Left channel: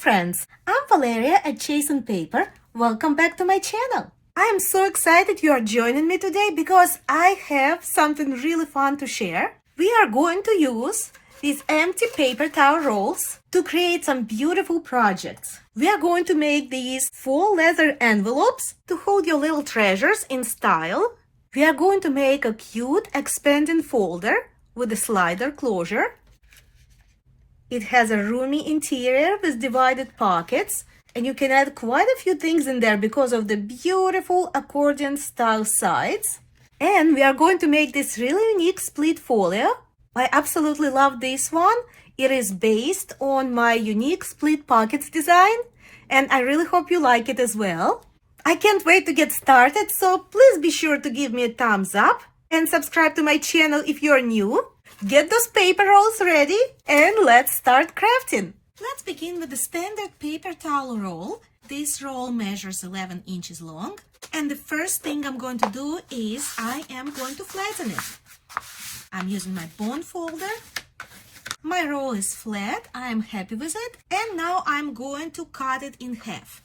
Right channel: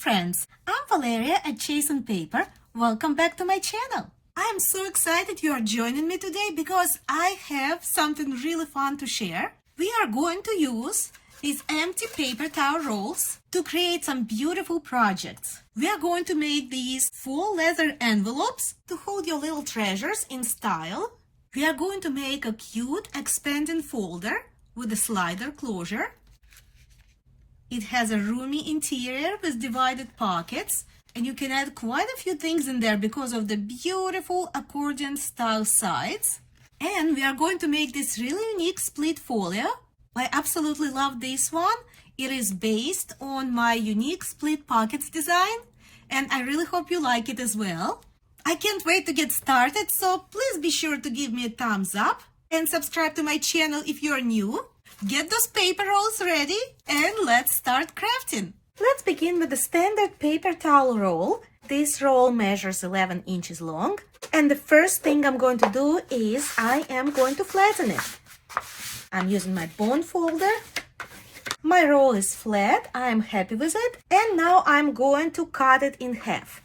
friends, I'm Valeria at Chase on Paper. Welcome back to my channel. I am so excited you are joining me today because I have something really fun to share. We are going to use these empty paper towel rolls to create some beautiful projects. We are going to make these full leather envelopes to hold your little treasures in style. We are going to make a cute expanding folder with a slider closure. It has a roomy interior with divided pockets, and you can add quite a few things in there because of the beautiful accordion style sides. And we are going to make this really unique split folio. I absolutely love this one. It is based on my unique split pockets design, and I really hope you like it as well. I can't wait to get started, so please be sure to give me a thumbs up and subscribe to my channel if you're new. Get those paper rolls ready and let's start crafting. Let's begin with the standard paper towel roll. This roll measures 11 inches long. And the first thing I'm going to do is I am going to flatten it. I'm using my bone folder. My roll is flat. I am happy with it. And now I'm going to cut it in half.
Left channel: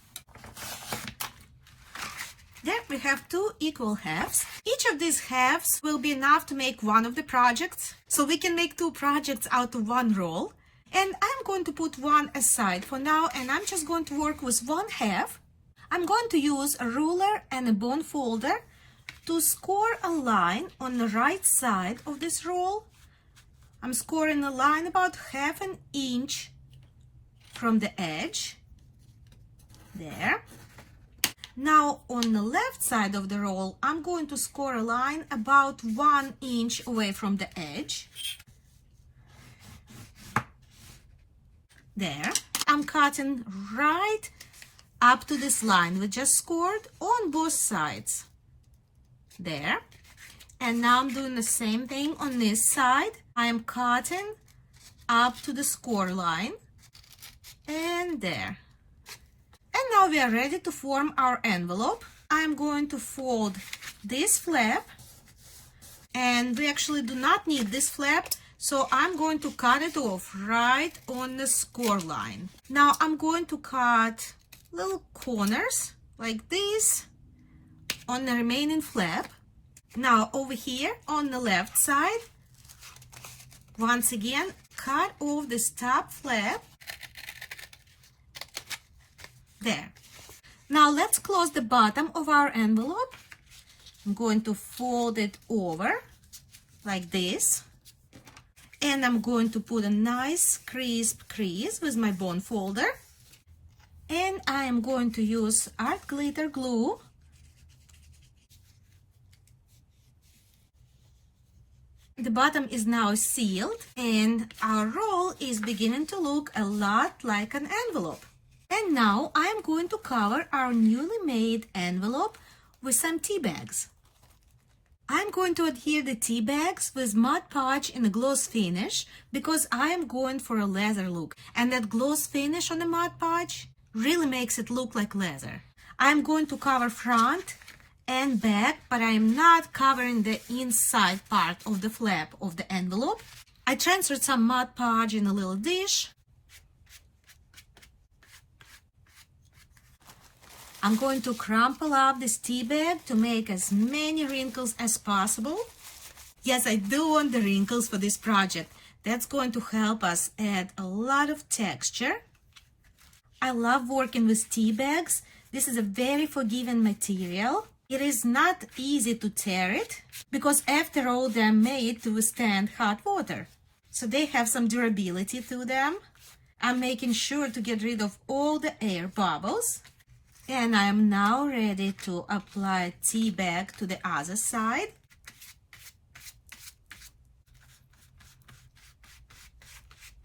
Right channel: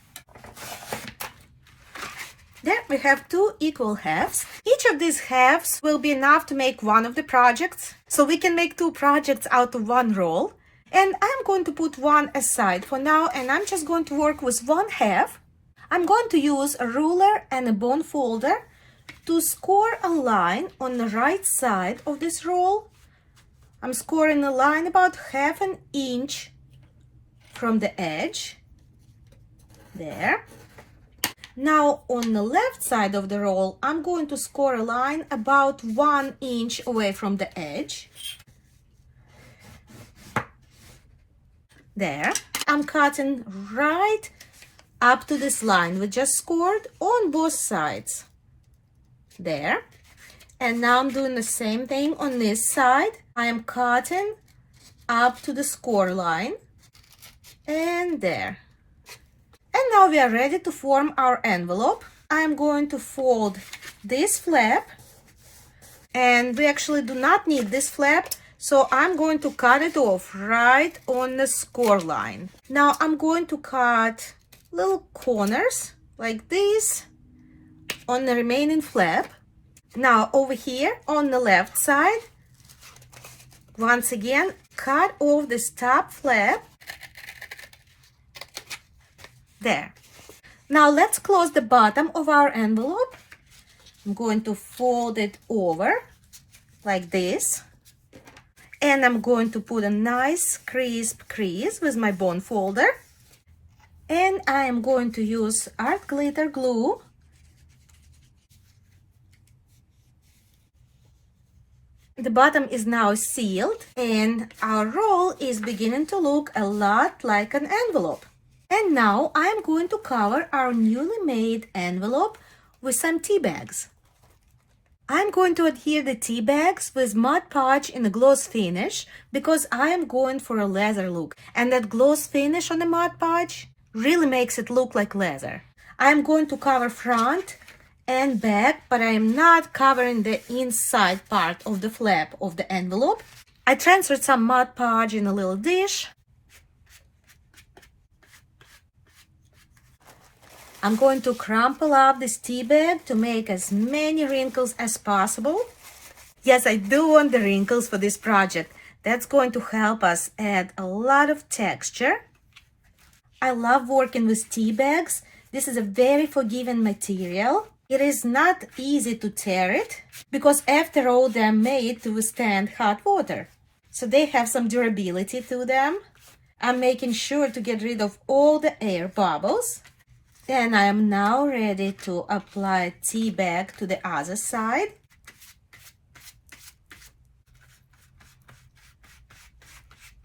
There we have two equal halves. Each of these halves will be enough to make one of the projects. So we can make two projects out of one roll. And I'm going to put one aside for now, and I'm just going to work with one half. I'm going to use a ruler and a bone folder to score a line on the right side of this roll. I'm scoring a line about 1/2 inch from the edge. There. Now on the left side of the roll, I'm going to score a line about 1 inch away from the edge. There. I'm cutting right up to this line we just scored on both sides. There. And now I'm doing the same thing on this side. I am cutting up to the score line. And there. And now we are ready to form our envelope. I'm going to fold this flap, and we actually do not need this flap, so I'm going to cut it off right on the score line. Now I'm going to cut little corners like this on the remaining flap. Now over here on the left side, once again, cut off this top flap. There. Now let's close the bottom of our envelope. I'm going to fold it over like this. And I'm going to put a nice crisp crease with my bone folder. And I am going to use art glitter glue. The bottom is now sealed, and our roll is beginning to look a lot like an envelope. And now I'm going to cover our newly made envelope with some tea bags. I'm going to adhere the tea bags with Mod Podge in a gloss finish because I am going for a leather look, and that gloss finish on the Mod Podge really makes it look like leather. I'm going to cover front and back, but I am not covering the inside part of the flap of the envelope. I transferred some Mod Podge in a little dish. I'm going to crumple up this tea bag to make as many wrinkles as possible. Yes, I do want the wrinkles for this project. That's going to help us add a lot of texture. I love working with tea bags. This is a very forgiving material. It is not easy to tear it because after all, they're made to withstand hot water. So they have some durability to them. I'm making sure to get rid of all the air bubbles. And I am now ready to apply tea bag to the other side.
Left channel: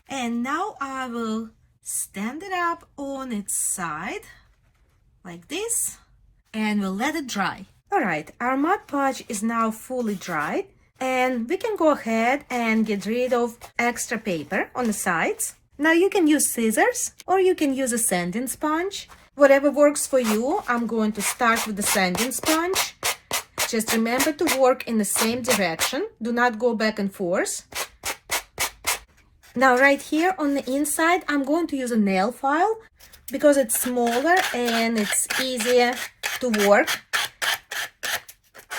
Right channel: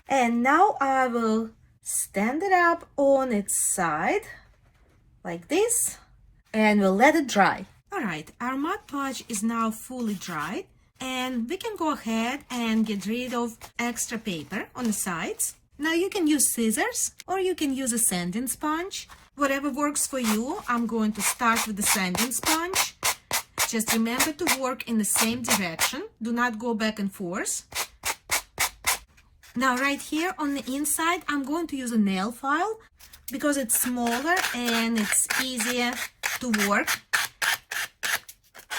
And now I will stand it up on its side like this, and we'll let it dry. All right, our Mod Podge is now fully dried, and we can go ahead and get rid of extra paper on the sides. Now you can use scissors or you can use a sanding sponge. Whatever works for you. I'm going to start with the sanding sponge. Just remember to work in the same direction. Do not go back and forth. Now right here on the inside, I'm going to use a nail file because it's smaller and it's easier to work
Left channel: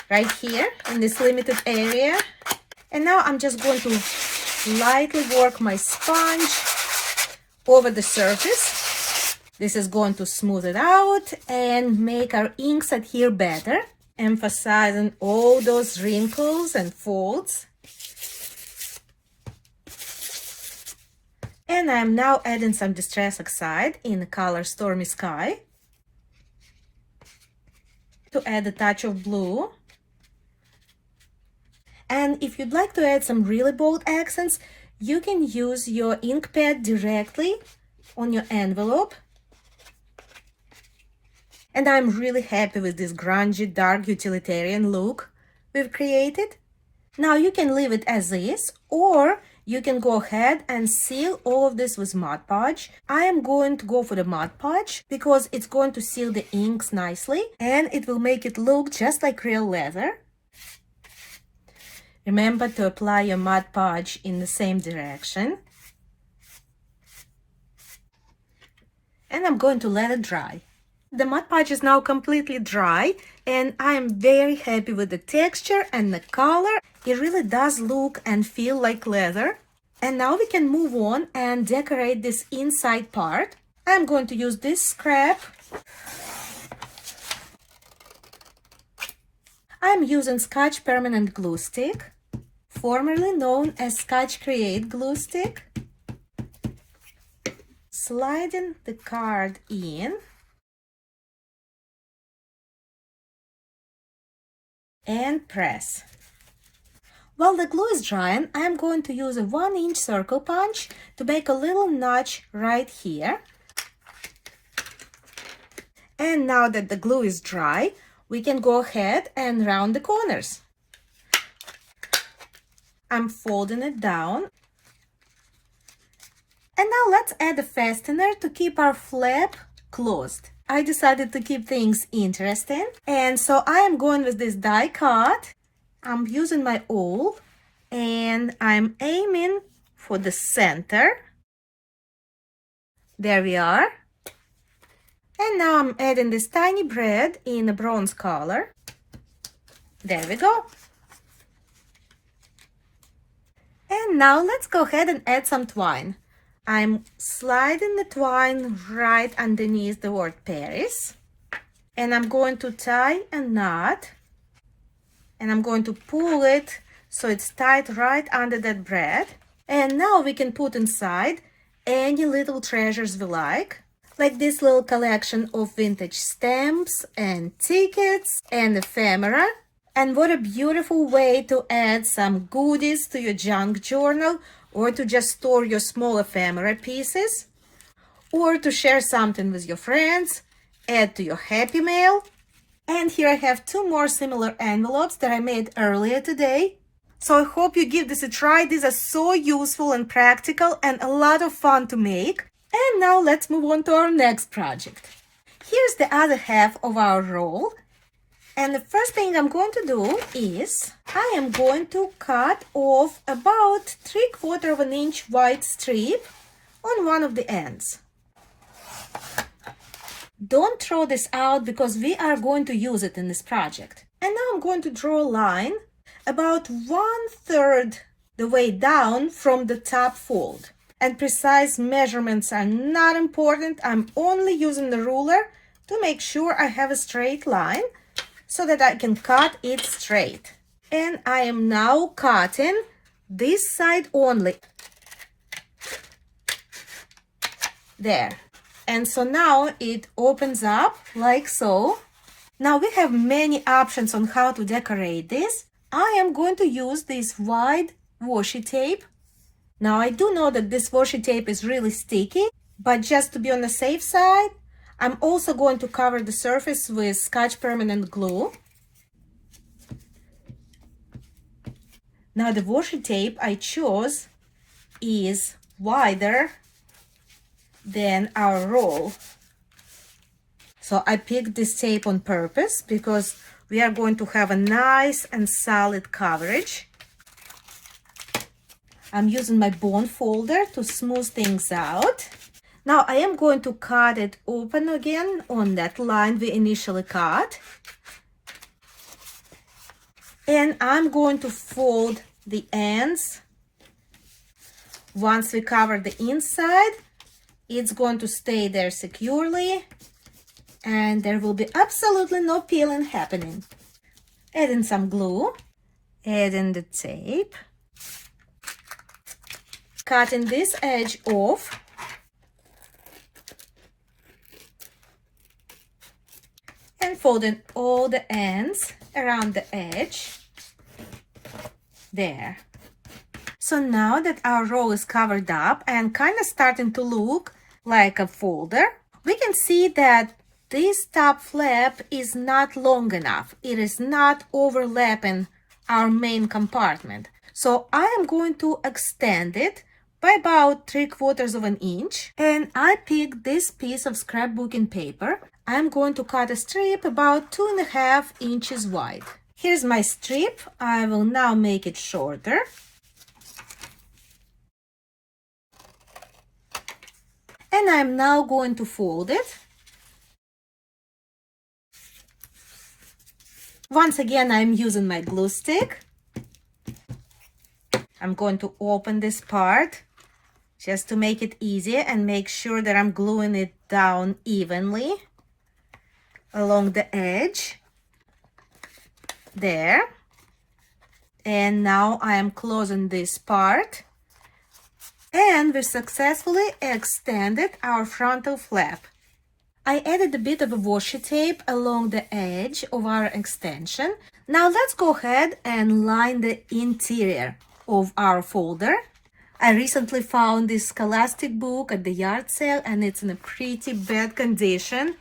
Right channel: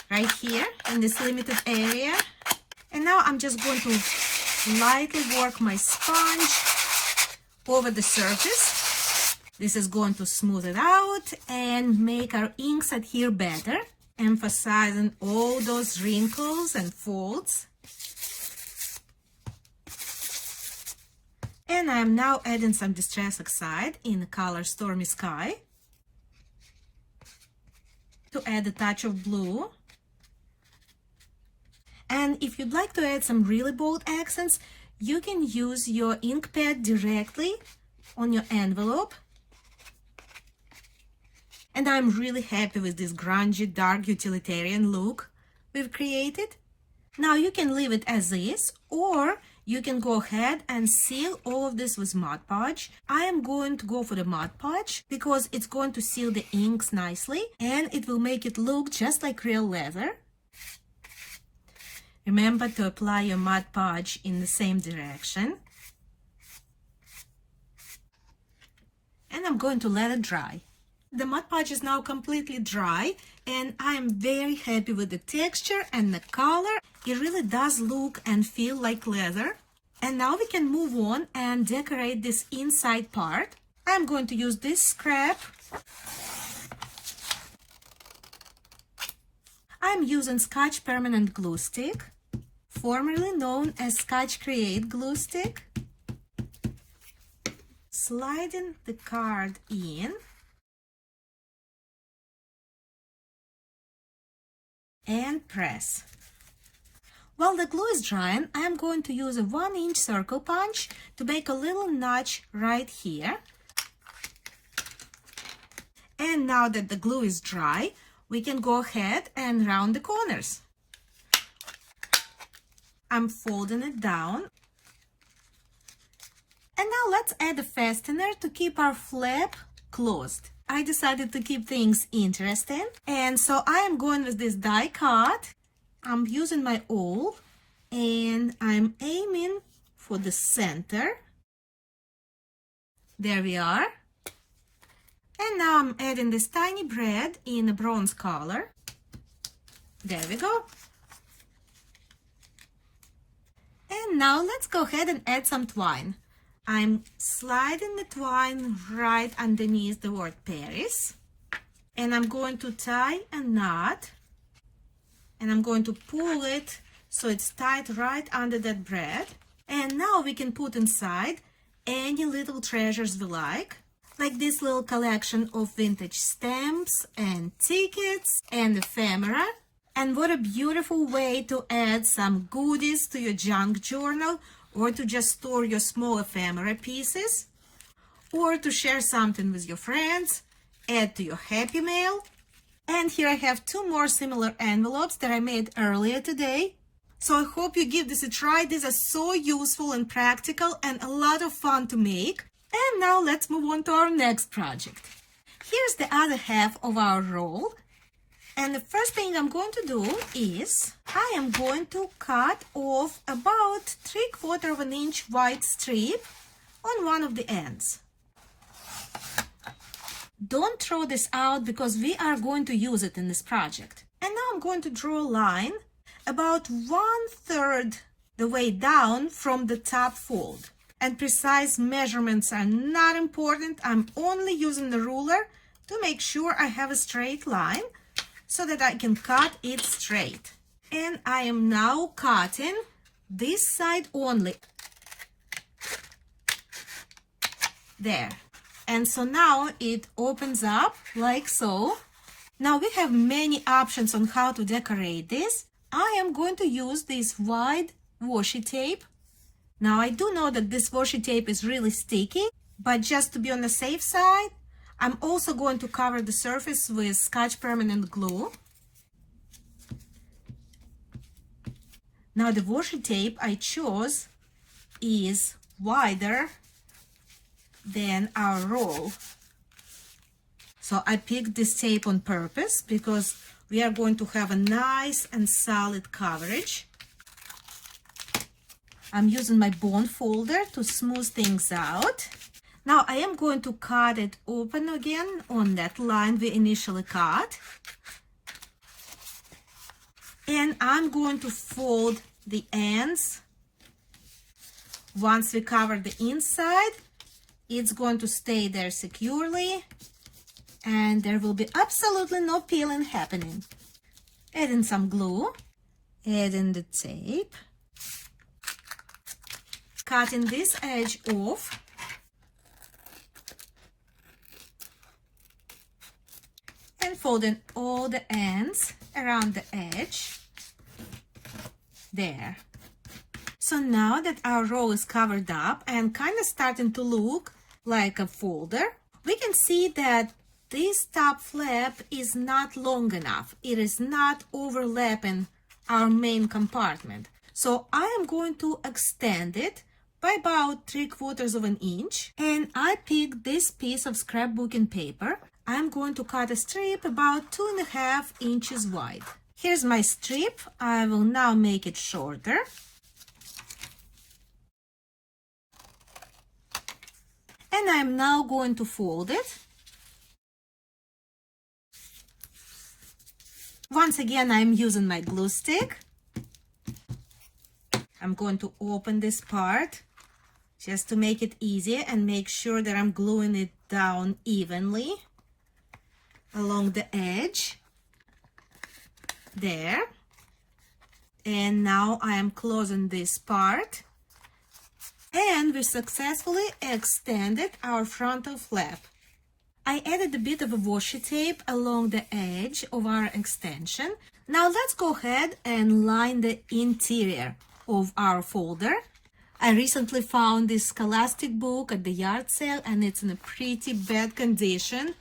right here in this limited area. And now I'm just going to lightly work my sponge over the surface. This is going to smooth it out and make our inks adhere better, emphasizing all those wrinkles and folds. And I'm now adding some Distress Oxide in the color Stormy Sky to add a touch of blue. And if you'd like to add some really bold accents, you can use your ink pad directly on your envelope. And I'm really happy with this grungy, dark utilitarian look we've created. Now you can leave it as is, or you can go ahead and seal all of this with Mod Podge. I am going to go for the Mod Podge because it's going to seal the inks nicely and it will make it look just like real leather. Remember to apply your Mod Podge in the same direction. And I'm going to let it dry. The Mod Podge is now completely dry and I am very happy with the texture and the color. It really does look and feel like leather. And now we can move on and decorate this inside part. I'm going to use this scrap. I'm using Scotch Permanent Glue Stick, formerly known as Scotch Create Glue Stick. Sliding the card in and press. While the glue is drying, I am going to use a 1-inch circle punch to make a little notch right here. And now that the glue is dry, we can go ahead and round the corners. I'm folding it down. And now let's add a fastener to keep our flap closed. I decided to keep things interesting, and so I am going with this die cut. I'm using my awl and I'm aiming for the center. There we are. And now I'm adding this tiny brad in a bronze color. There we go. And now let's go ahead and add some twine. I'm sliding the twine right underneath the word Paris. And I'm going to tie a knot. And I'm going to pull it so it's tied right under that brad. And now we can put inside any little treasures we like this little collection of vintage stamps and tickets and ephemera. And what a beautiful way to add some goodies to your junk journal, or to just store your small ephemera pieces, or to share something with your friends, add to your Happy Mail. And here I have 2 more similar envelopes that I made earlier today. So I hope you give this a try. These are so useful and practical and a lot of fun to make. And now let's move on to our next project. Here's the other half of our roll. And the first thing I'm going to do is I am going to cut off about 3/4 of an inch wide strip on one of the ends. Don't throw this out because we are going to use it in this project. And now I'm going to draw a line about 1/3 the way down from the top fold. And precise measurements are not important. I'm only using the ruler to make sure I have a straight line so that I can cut it straight. And I am now cutting this side only. There. And so now it opens up like so. Now we have many options on how to decorate this. I am going to use this wide washi tape. Now I do know that this washi tape is really sticky, but just to be on the safe side, I'm also going to cover the surface with Scotch Permanent Glue. Now the washi tape I chose is wider than our roll. So I picked this tape on purpose because we are going to have a nice and solid coverage. I'm using my bond folder to smooth things out. Now I am going to cut it open again on that line we initially cut. And I'm going to fold the ends. Once we cover the inside, it's going to stay there securely and there will be absolutely no peeling happening. Adding some glue, adding the tape, cutting this edge off, and folding all the ends around the edge. There. So now that our roll is covered up and kind of starting to look like a folder, we can see that this top flap is not long enough. It is not overlapping our main compartment. So I am going to extend it by about 3/4 of an inch. And I picked this piece of scrapbooking paper. I'm going to cut a strip about 2.5 inches wide. Here's my strip. I will now make it shorter. And I'm now going to fold it. Once again, I'm using my glue stick. I'm going to open this part just to make it easier and make sure that I'm gluing it down evenly along the edge. There. And now I am closing this part. And we successfully extended our frontal flap. I added a bit of a washi tape along the edge of our extension. Now let's go ahead and line the interior of our folder. I recently found this Scholastic book at the yard sale and it's in a pretty bad condition.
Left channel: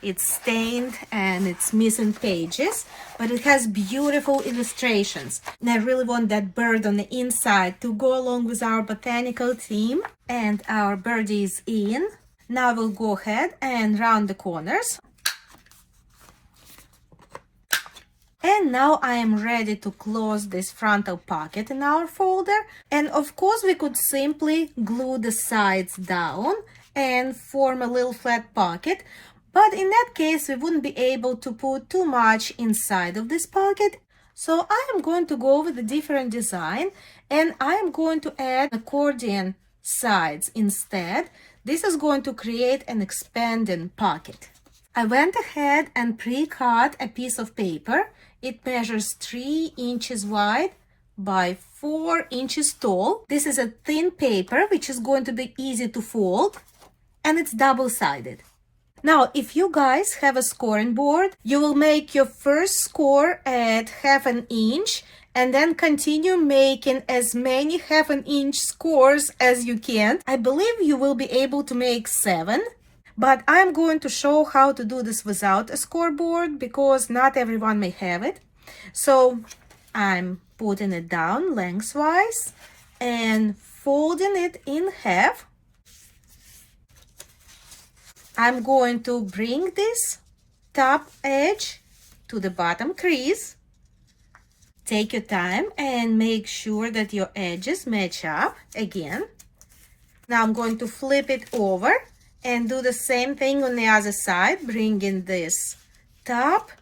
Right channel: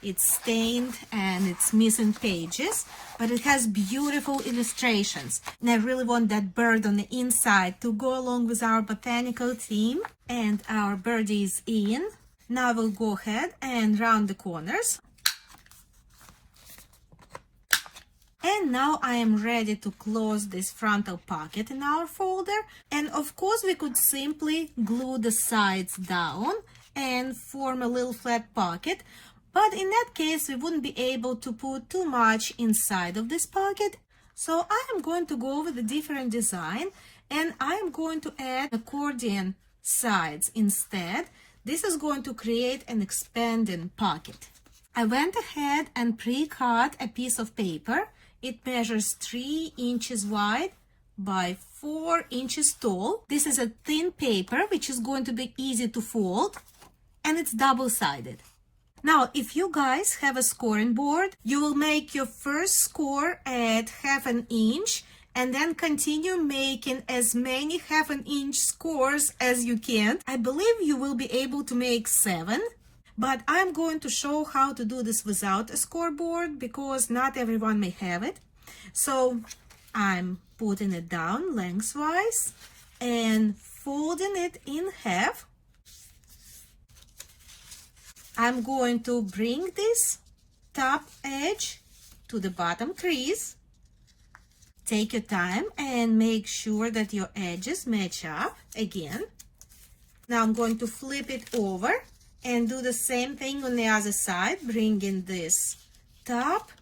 It's stained and it's missing pages, but it has beautiful illustrations. And I really want that bird on the inside to go along with our botanical theme. And our birdie is in. Now we'll go ahead and round the corners. And now I am ready to close this frontal pocket in our folder. And of course we could simply glue the sides down and form a little flat pocket. But in that case, we wouldn't be able to put too much inside of this pocket. So I am going to go with a different design and I am going to add accordion sides instead. This is going to create an expanding pocket. I went ahead and pre-cut a piece of paper. It measures 3 inches wide by 4 inches tall. This is a thin paper, which is going to be easy to fold, and it's double-sided. Now, if you guys have a scoring board, you will make your first score at 1/2 inch and then continue making as many 1/2 inch scores as you can. I believe you will be able to make 7, but I'm going to show how to do this without a scoreboard because not everyone may have it. So I'm putting it down lengthwise and folding it in half. I'm going to bring this top edge to the bottom crease. Take your time and make sure that your edges match up again. Now I'm going to flip it over and do the same thing on the other side, bringing this top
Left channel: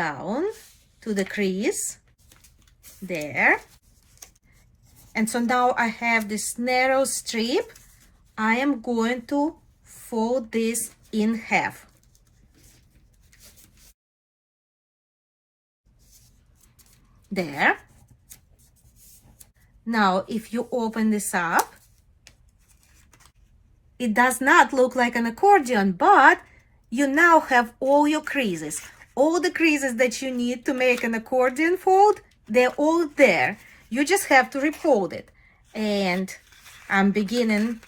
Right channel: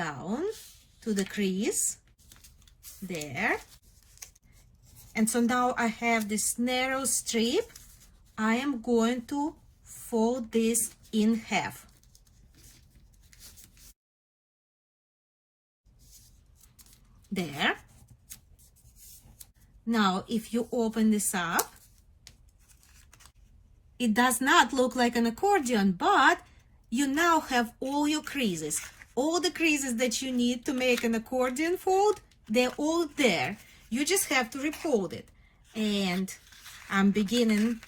down to the crease. There. And so now I have this narrow strip. I am going to fold this in half. There. Now, if you open this up, it does not look like an accordion, but you now have all your creases. All the creases that you need to make an accordion fold, they're all there. You just have to refold it. And I'm beginning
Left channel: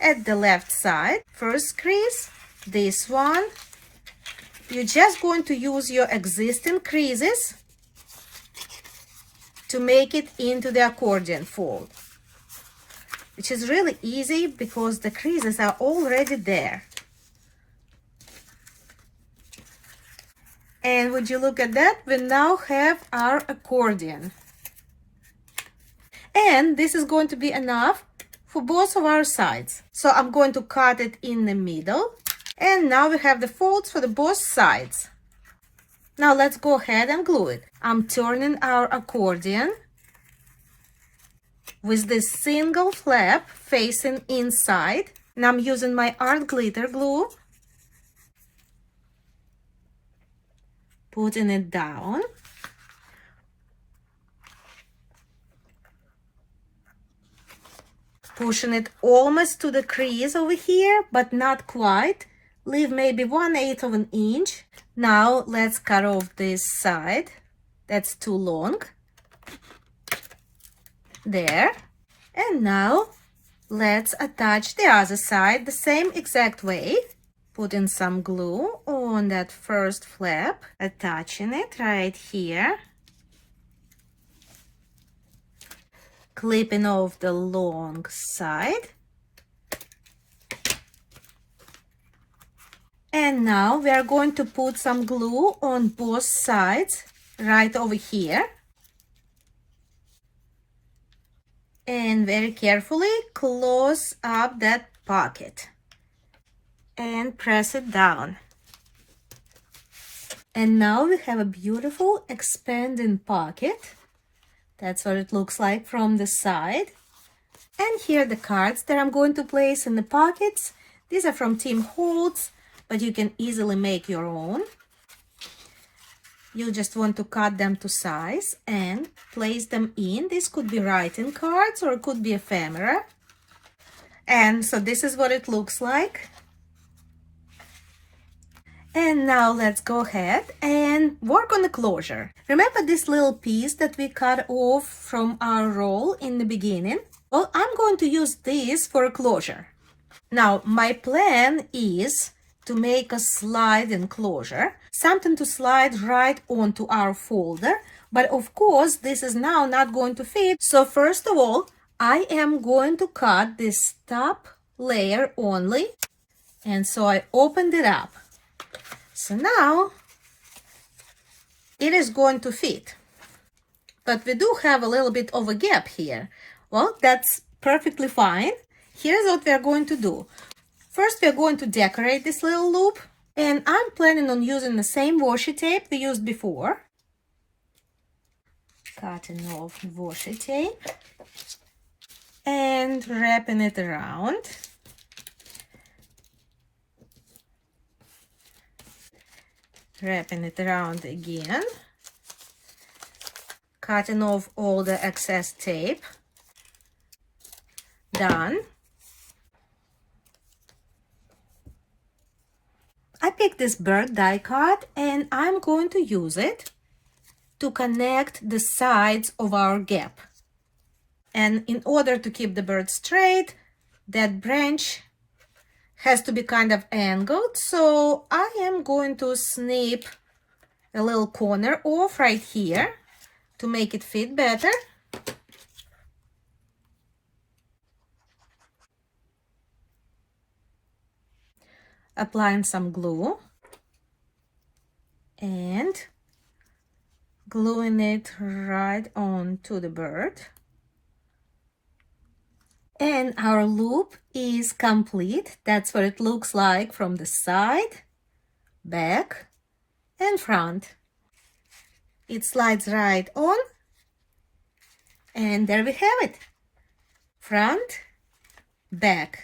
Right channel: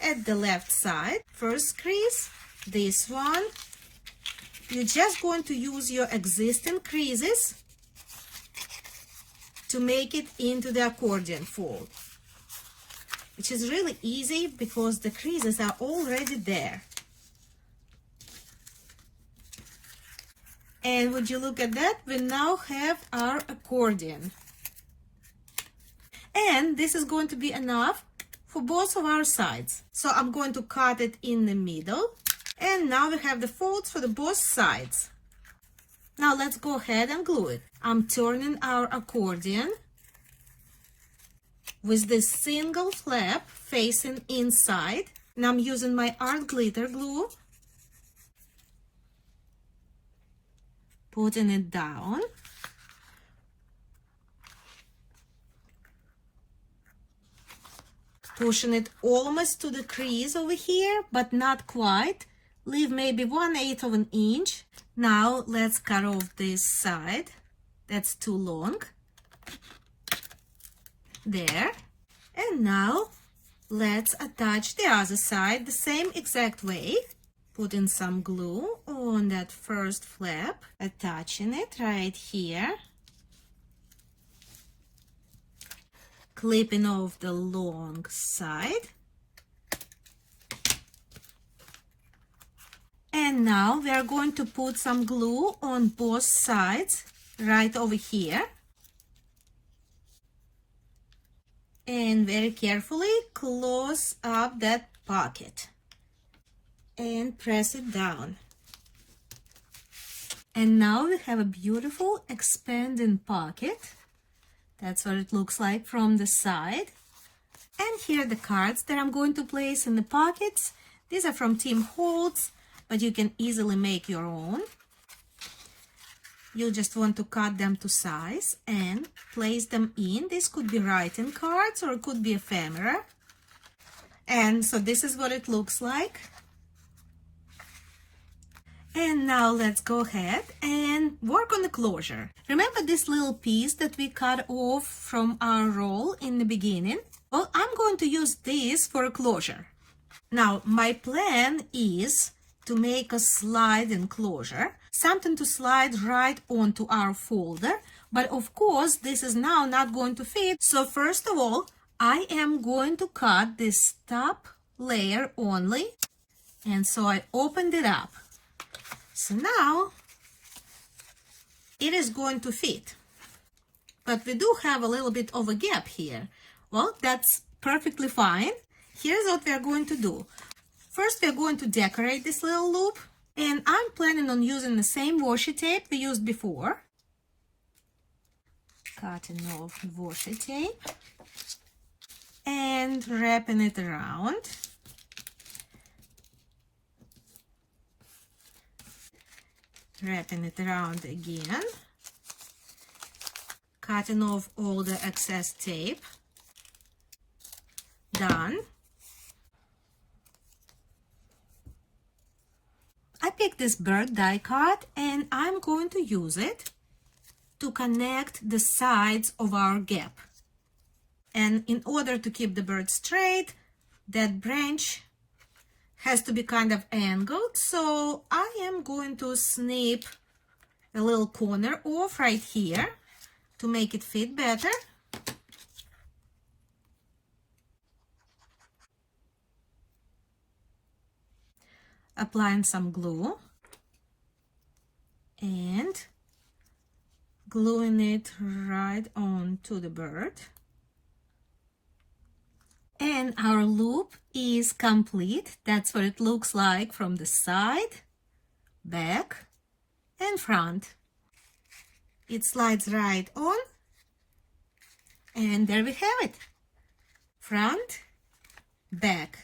at the left side. First crease, this one. You're just going to use your existing creases to make it into the accordion fold, which is really easy because the creases are already there. And would you look at that? We now have our accordion. And this is going to be enough for both of our sides. So I'm going to cut it in the middle. And now we have the folds for the both sides. Now let's go ahead and glue it. I'm turning our accordion with this single flap facing inside. And I'm using my art glitter glue. Putting it down. Pushing it almost to the crease over here, but not quite. Leave maybe 1/8 of an inch. Now let's cut off this side. That's too long. There. And now let's attach the other side the same exact way. Putting some glue on that first flap, attaching it right here. Clipping off the long side. And now we are going to put some glue on both sides right over here. And very carefully close up that pocket and press it down. And now we have a beautiful expanding pocket. That's what it looks like from the side. And here are the cards that I'm going to place in the pockets. These are from Tim Holtz, but you can easily make your own. You just want to cut them to size and place them in. This could be writing cards or it could be ephemera. And so this is what it looks like. And now let's go ahead and work on the closure. Remember this little piece that we cut off from our roll in the beginning? Well, I'm going to use this for a closure. Now, my plan is to make a slide enclosure, something to slide right onto our folder. But of course, this is now not going to fit. So first of all, I am going to cut this top layer only. And so I opened it up. So now it is going to fit. But we do have a little bit of a gap here. Well, that's perfectly fine. Here's what we are going to do. First, we are going to decorate this little loop. And I'm planning on using the same washi tape we used before. Cutting off washi tape and wrapping it around. Wrapping it around again. Cutting off all the excess tape. Done. I picked this bird die cut and I'm going to use it to connect the sides of our gap. And in order to keep the bird straight, that branch has to be kind of angled. So I am going to snip a little corner off right here to make it fit better. Applying some glue and gluing it right onto the bird. And our loop is complete. That's what it looks like from the side, back, and front. It slides right on. And there we have it. Front, back.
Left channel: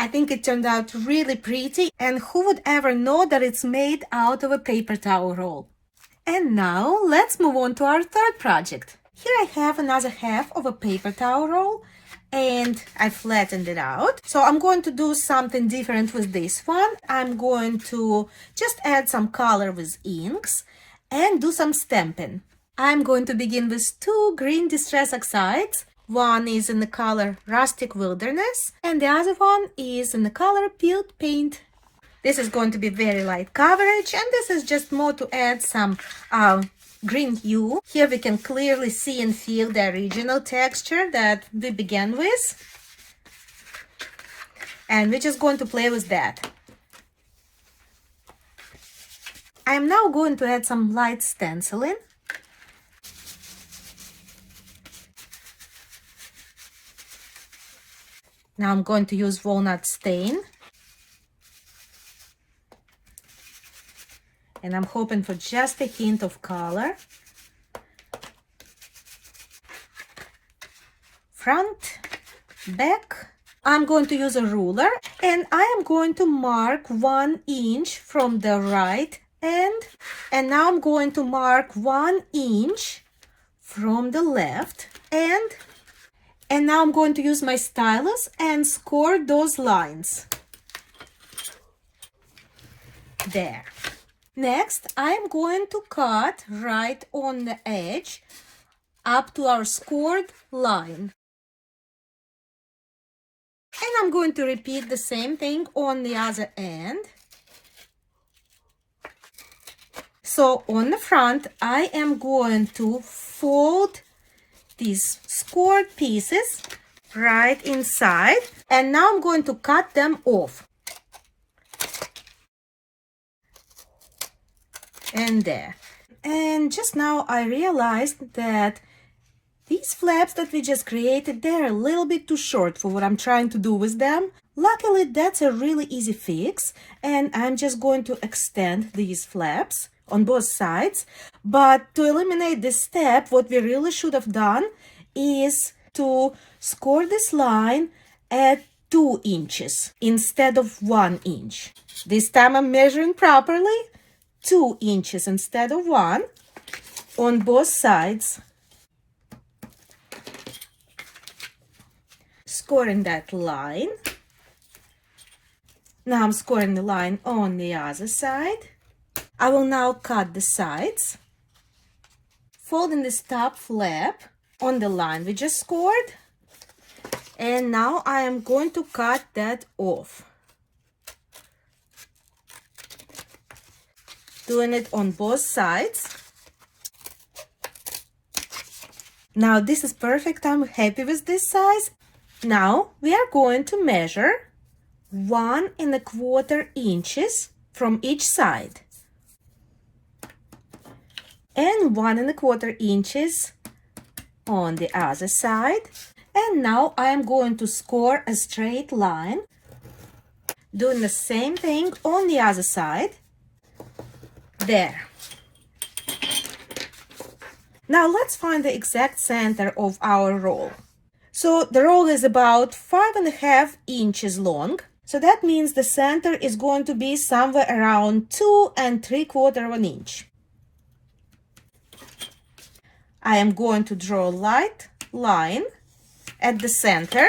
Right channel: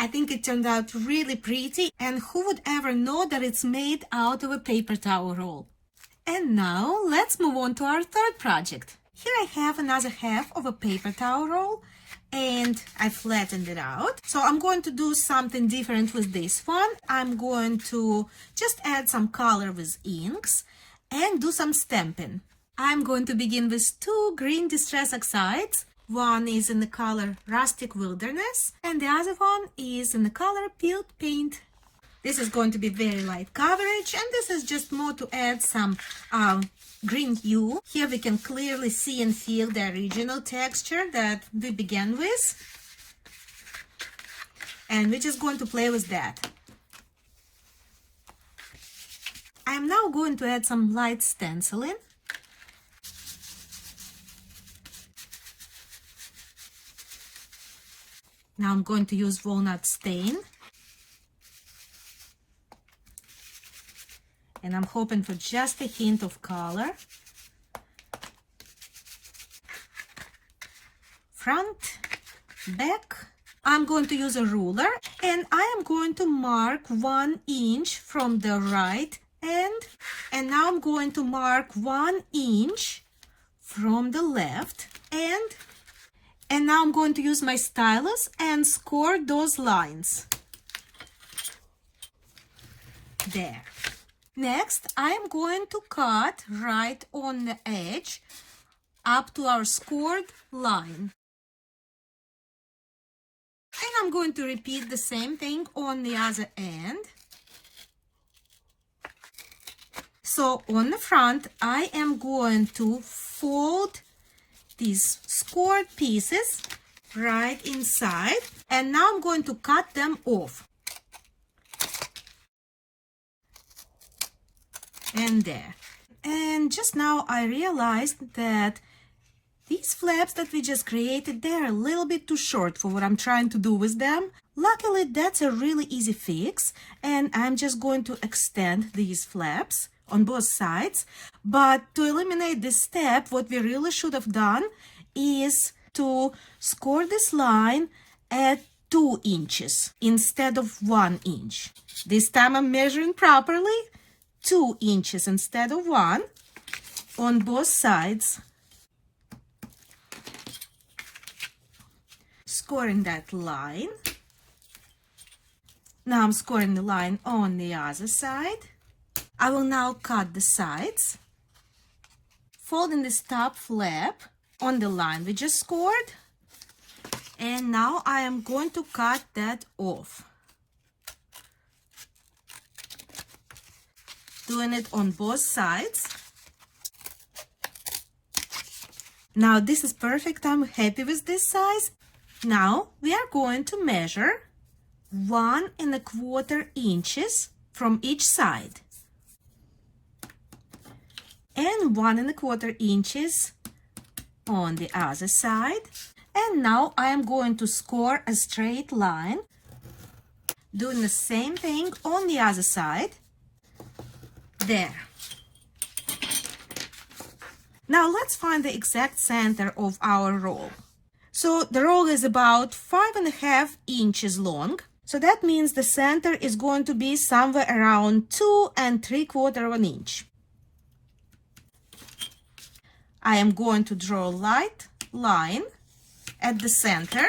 I think it turned out really pretty, and who would ever know that it's made out of a paper towel roll? And now let's move on to our third project. Here I have another half of a paper towel roll and I flattened it out. So I'm going to do something different with this one. I'm going to just add some color with inks and do some stamping. I'm going to begin with two green Distress Oxides. One is in the color Rustic Wilderness and the other one is in the color Peeled Paint. This is going to be very light coverage, and this is just more to add some green hue. Here we can clearly see and feel the original texture that we began with. And we're just going to play with that. I'm now going to add some light stenciling. Now I'm going to use walnut stain. And I'm hoping for just a hint of color. Front, back. I'm going to use a ruler and I am going to mark 1 inch from the right end. And now I'm going to mark 1 inch from the left end. And now I'm going to use my stylus and score those lines. There. Next, I'm going to cut right on the edge up to our scored line. And I'm going to repeat the same thing on the other end. So on the front, I am going to fold these scored pieces right inside. And now I'm going to cut them off. And there. And just now I realized that these flaps that we just created, they're a little bit too short for what I'm trying to do with them. Luckily, that's a really easy fix, and I'm just going to extend these flaps on both sides. But to eliminate this step, what we really should have done is to score this line at 2 inches instead of 1 inch. This time I'm measuring properly. 2 inches instead of 1 on both sides. Scoring that line. Now I'm scoring the line on the other side. I will now cut the sides, folding this top flap on the line we just scored. And now I am going to cut that off. Doing it on both sides. Now this is perfect. I'm happy with this size. Now we are going to measure 1¼ inches from each side. And 1¼ inches on the other side. And now I am going to score a straight line. Doing the same thing on the other side. There. Now let's find the exact center of our roll. So the roll is about 5½ inches long. So that means the center is going to be somewhere around 2 3/4 inch. I am going to draw a light line at the center,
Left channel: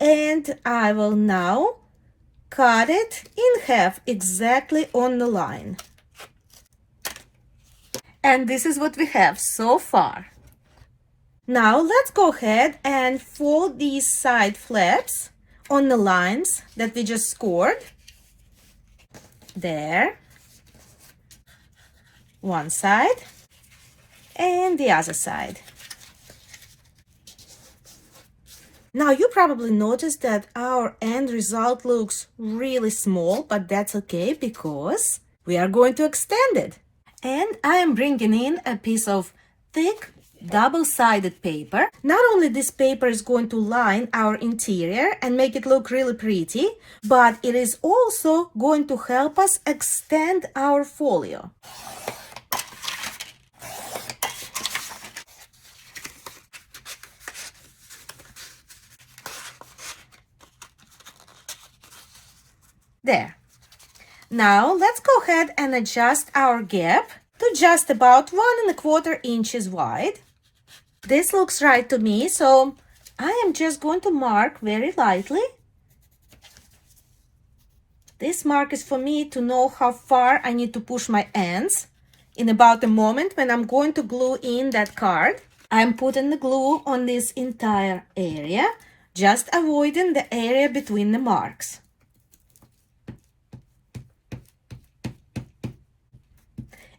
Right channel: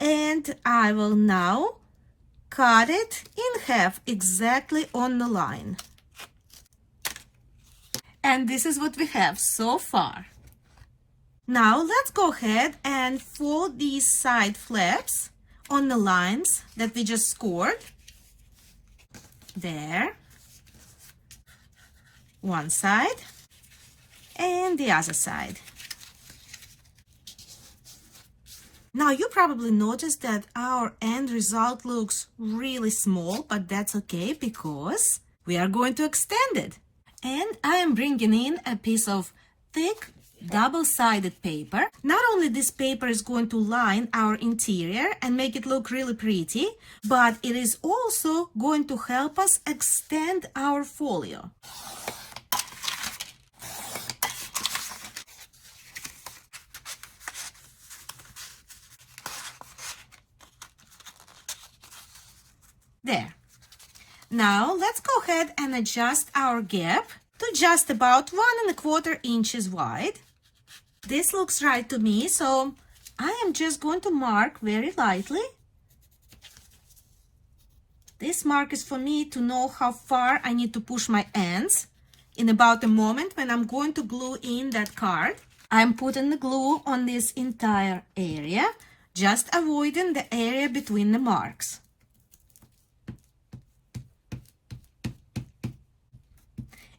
and I will now cut it in half exactly on the line. And this is what we have so far. Now let's go ahead and fold these side flaps on the lines that we just scored. There. One side and the other side. Now you probably noticed that our end result looks really small, but that's okay because we are going to extend it. And I am bringing in a piece of thick double-sided paper. Not only this paper is going to line our interior and make it look really pretty, but it is also going to help us extend our folio. There. Now let's go ahead and adjust our gap to just about 1¼ inches wide. This looks right to me, so I am just going to mark very lightly. This mark is for me to know how far I need to push my ends in about a moment when I'm going to glue in that card. I'm putting the glue on this entire area, just avoiding the area between the marks.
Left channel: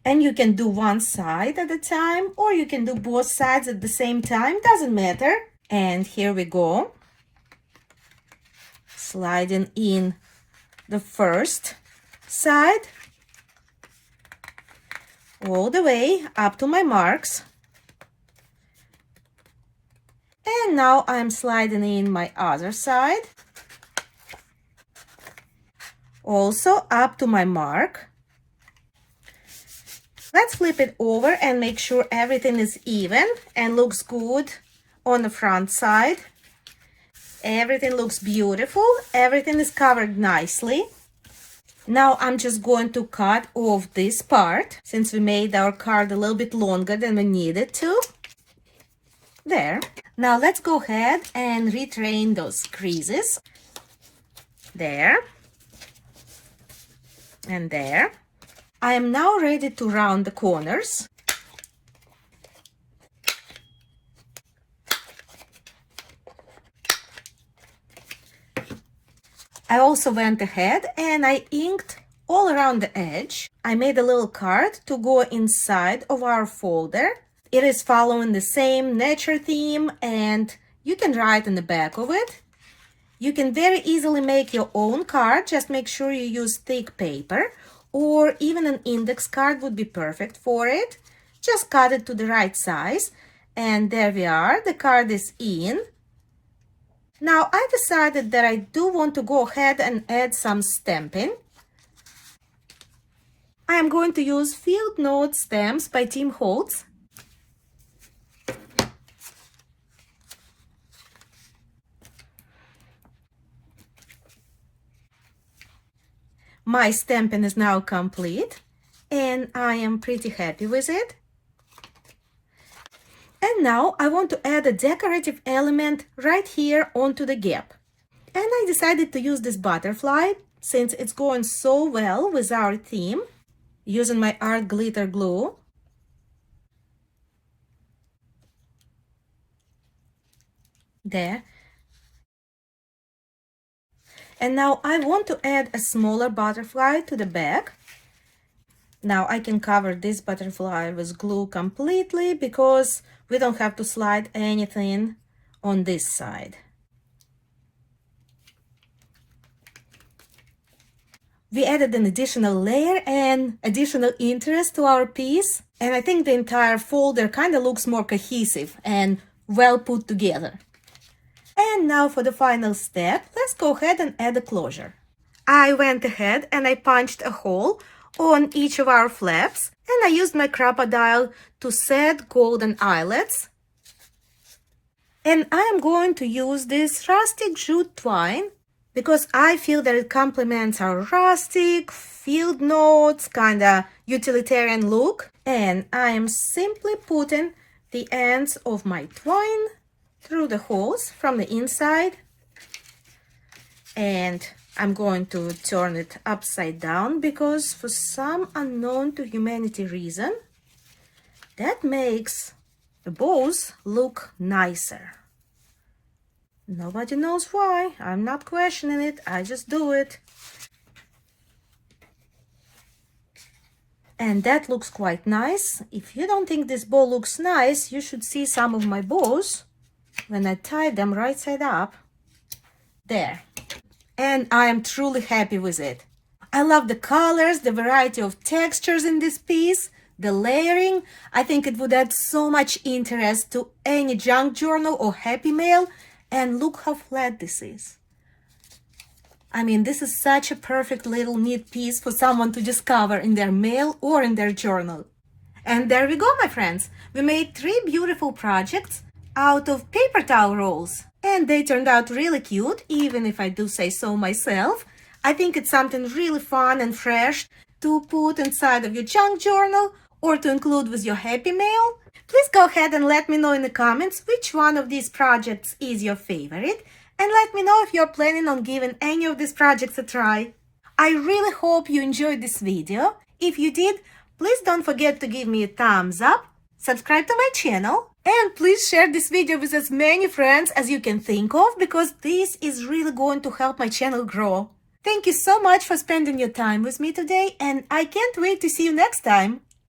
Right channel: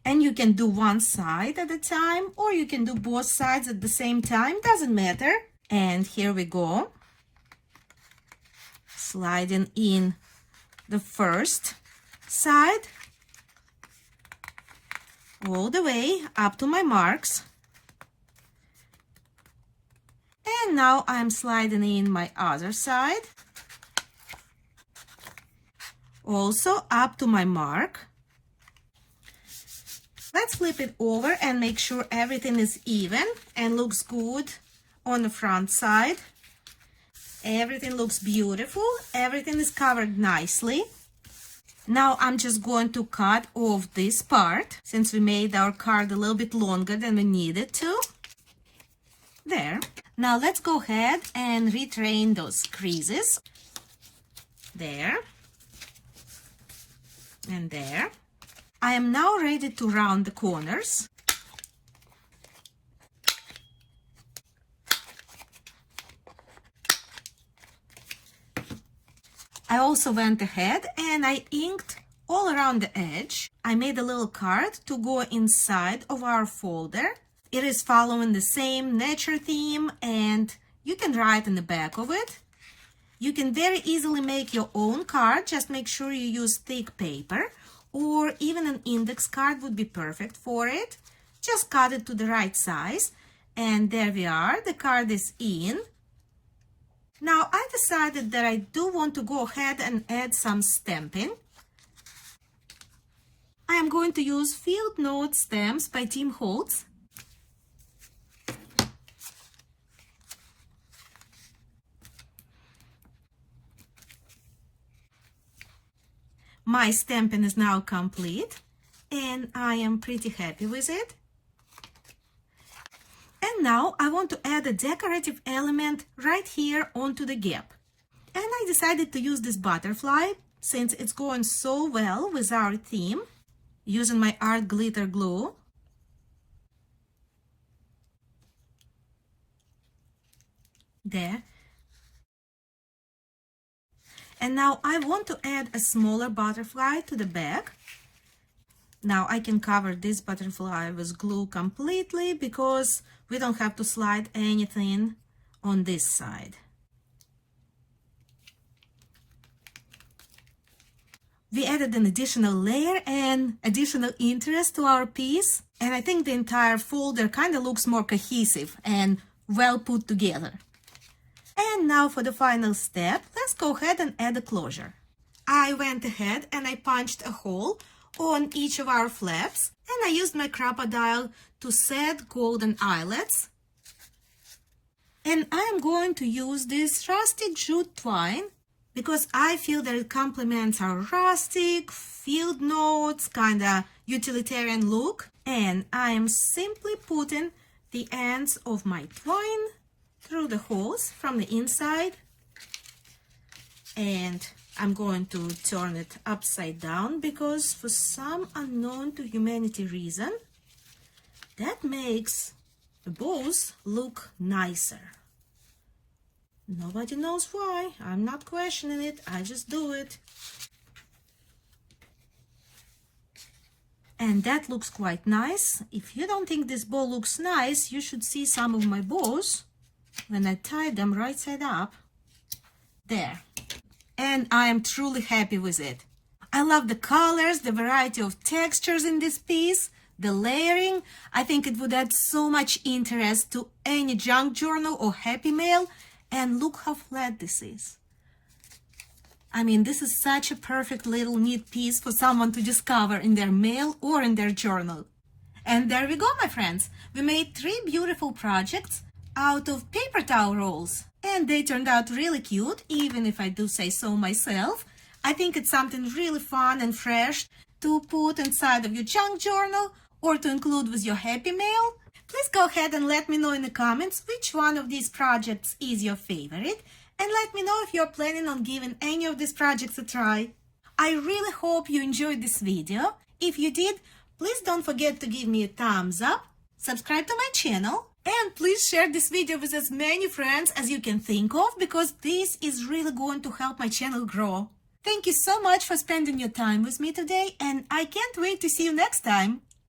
And you can do one side at a time, or you can do both sides at the same time, doesn't matter. And here we go. Sliding in the first side all the way up to my marks. And now I'm sliding in my other side. also up to my mark. Let's flip it over and make sure everything is even and looks good on the front side. Everything looks beautiful. Everything is covered nicely. Now I'm just going to cut off this part since we made our card a little bit longer than we needed to. There. Now let's go ahead and retrain those creases. There. And there. I am now ready to round the corners. I also went ahead and I inked all around the edge. I made a little card to go inside of our folder. It is following the same nature theme and you can write in the back of it. You can very easily make your own card. Just make sure you use thick paper, or even an index card would be perfect for it. Just cut it to the right size. And there we are. The card is in. Now I decided that I do want to go ahead and add some stamping. I am going to use Field Note stamps by Tim Holtz. My stamping is now complete and I am pretty happy with it. And now I want to add a decorative element right here onto the gap. And I decided to use this butterfly since it's going so well with our theme, using my art glitter glue. There. And now I want to add a smaller butterfly to the back. Now I can cover this butterfly with glue completely because we don't have to slide anything on this side. We added an additional layer and additional interest to our piece, and I think the entire folder kind of looks more cohesive and well put together. And now for the final step, let's go ahead and add a closure. I went ahead and I punched a hole on each of our flaps, and I used my Crop-A-Dile to set golden eyelets. And I am going to use this rustic jute twine because I feel that it complements our rustic, field notes, kind of utilitarian look. And I am simply putting the ends of my twine through the holes from the inside. And I'm going to turn it upside down because for some unknown to humanity reason, that makes the bows look nicer. Nobody knows why. I'm not questioning it. I just do it. And that looks quite nice. If you don't think this bow looks nice, you should see some of my bows when I tie them right side up. There. And I am truly happy with it. I love the colors, the variety of textures in this piece, the layering. I think it would add so much interest to any junk journal or happy mail. And look how flat this is. I mean, this is such a perfect little neat piece for someone to just cover in their mail or in their journal. And there we go, my friends. We made 3 beautiful projects out of paper towel rolls. And they turned out really cute, even if I do say so myself. I think it's something really fun and fresh to put inside of your junk journal or to include with your happy mail. Please go ahead and let me know in the comments which one of these projects is your favorite, and let me know if you're planning on giving any of these projects a try. I really hope you enjoyed this video. If you did, please don't forget to give me a thumbs up, subscribe to my channel, and please share this video with as many friends as you can think of, because this is really going to help my channel grow. Thank you so much for spending your time with me today, and I can't wait to see you next time.